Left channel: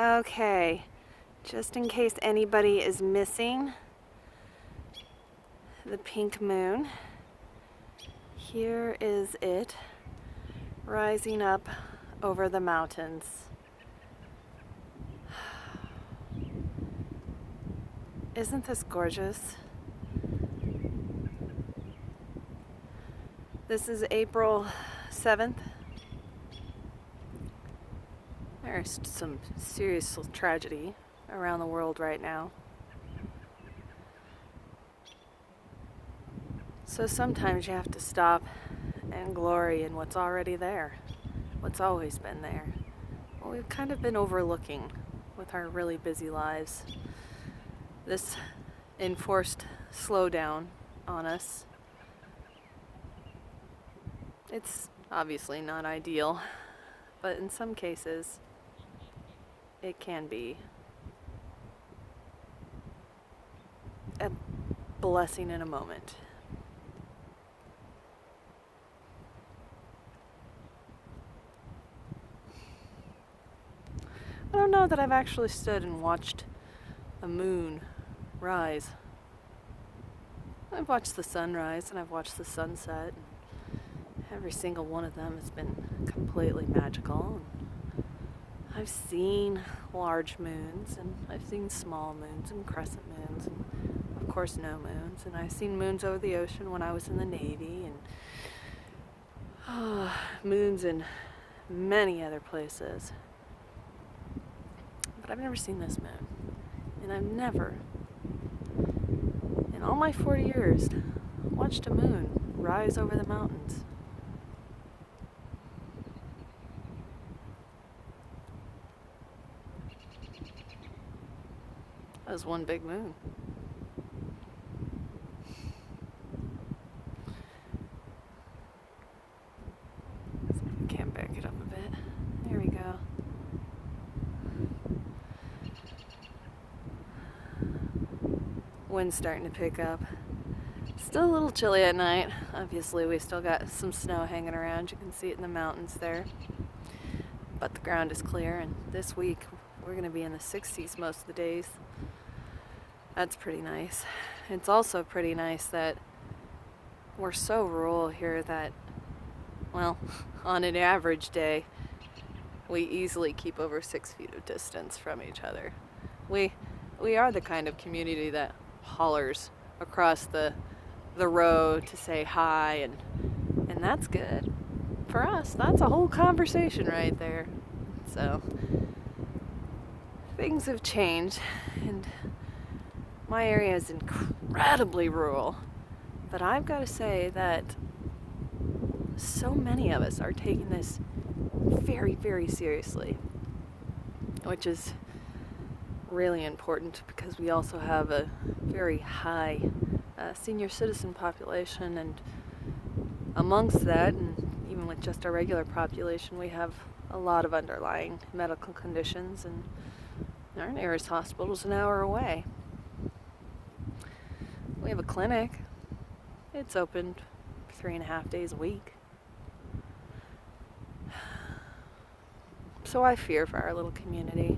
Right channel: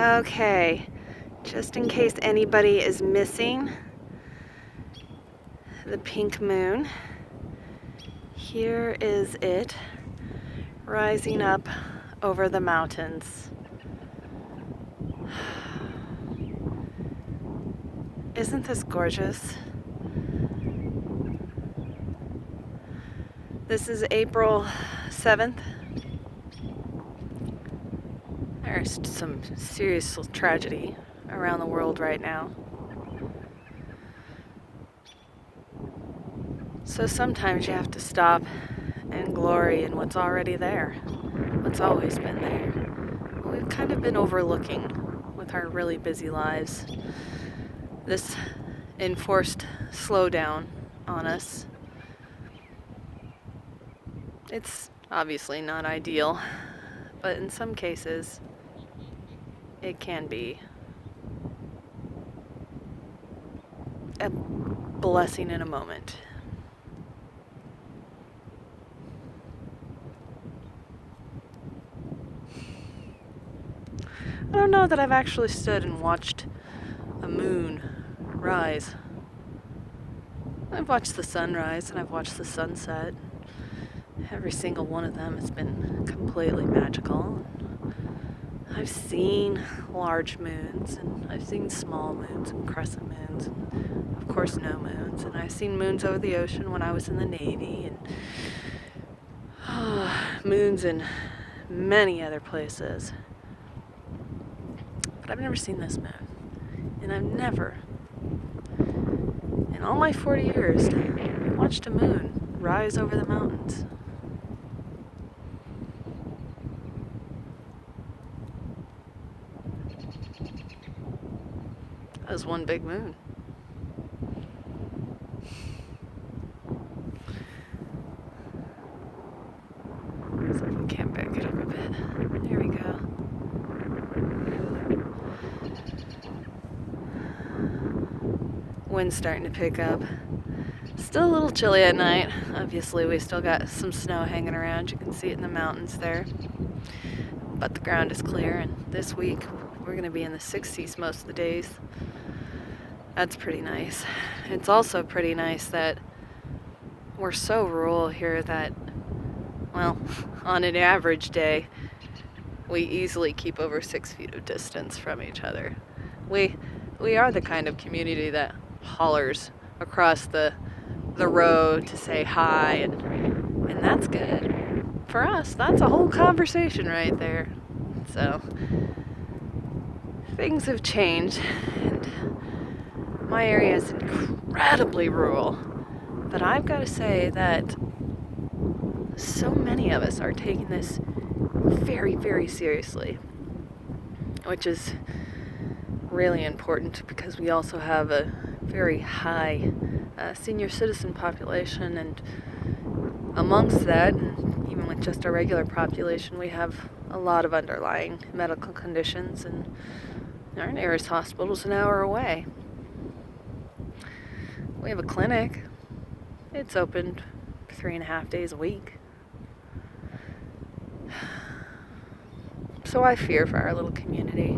Okay, just in case anybody is missing the pink moon, here is it rising up over the mountains. Isn't this gorgeous? This is April 7th. There's some serious tragedy around the world right now. So sometimes you have to stop and glory in what's already there, what's always been there. We've kind of been overlooking with our really busy lives this enforced slowdown on us. It's obviously not ideal, but in some cases, it can be a blessing in a moment. I don't know that I've actually stood and watched a moon rise. I've watched the sunrise and I've watched the sunset. Every single one of them has been completely magical. I've seen large moons, and I've seen small moons and crescent moons, and of course no moons. And I've seen moons over the ocean when I was in the Navy, and moons in many other places. But I've never seen this moon. And I've never, in all my 40 years, watched a moon rise over the mountains. That was one big moon. So we can back it up a bit. There we go. Wind's starting to pick up. Still a little chilly at night. Obviously, we still got some snow hanging around. You can see it in the mountains there. But the ground is clear, and this week we're going to be in the 60s most of the days. That's pretty nice. It's also pretty nice that we're so rural here that, well, on an average day, we easily keep over 6 feet of distance from each other. We are the kind of community that hollers across the road to say hi, and that's good. For us, that's a whole conversation right there. So, things have changed, and my area is incredibly rural. But I've got to say that so many of us are taking this very, very seriously, which is really important because we also have a very high senior citizen population, and amongst that, and even with just our regular population, we have a lot of underlying medical conditions, and our nearest hospital is an hour away. We have a clinic. It's open 3.5 days a week. So I fear for our little community.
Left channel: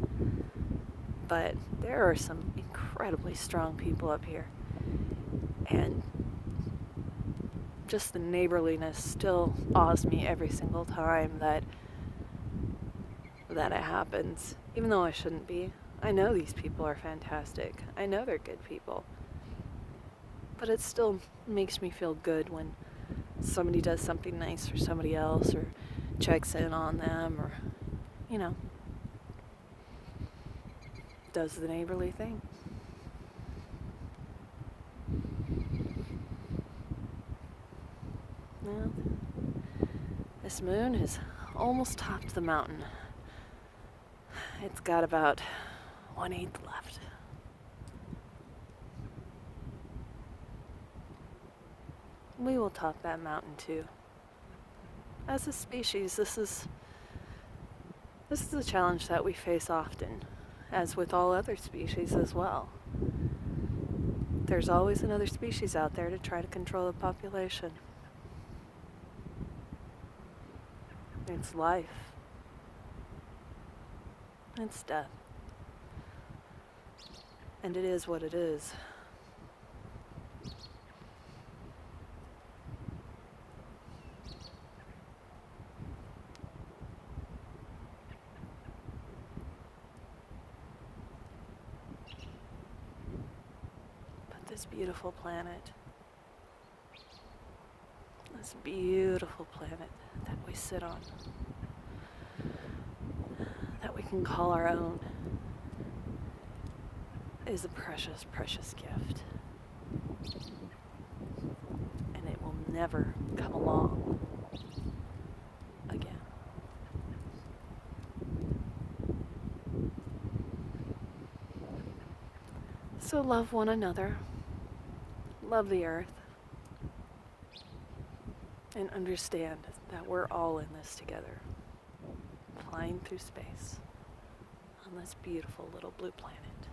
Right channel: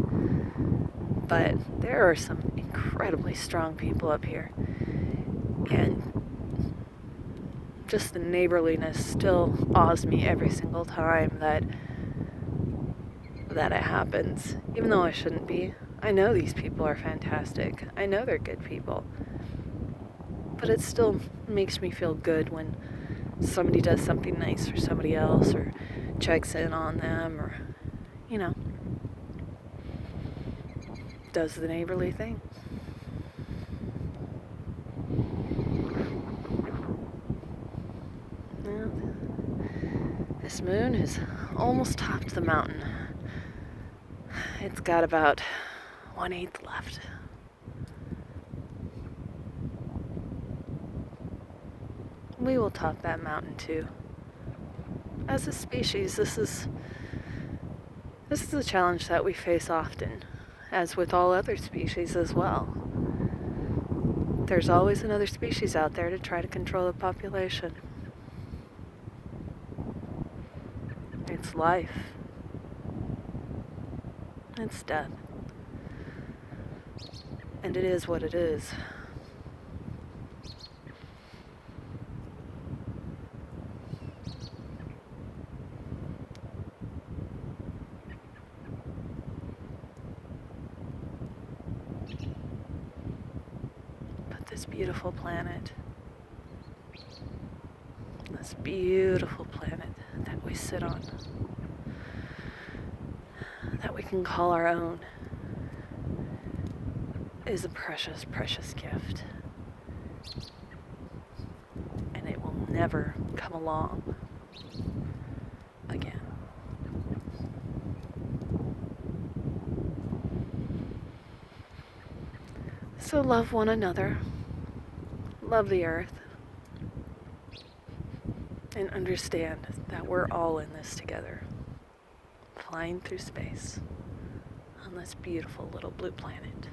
But there are some incredibly strong people up here. And just the neighborliness still awes me every single time that it happens. Even though I shouldn't be. I know these people are fantastic. I know they're good people. But it still makes me feel good when somebody does something nice for somebody else, or checks in on them, or, does the neighborly thing. Well, this moon has almost topped the mountain. It's got about 1/8 left. We will top that mountain too. As a species, this is a challenge that we face often, as with all other species as well. There's always another species out there to try to control the population. It's life. It's death. And it is what it is. But this beautiful planet, this beautiful planet that we sit on, that we can call our own, is a precious, precious gift. And it will never come along again. So love one another, love the earth, and understand that we're all in this together, flying through space on this beautiful little blue planet.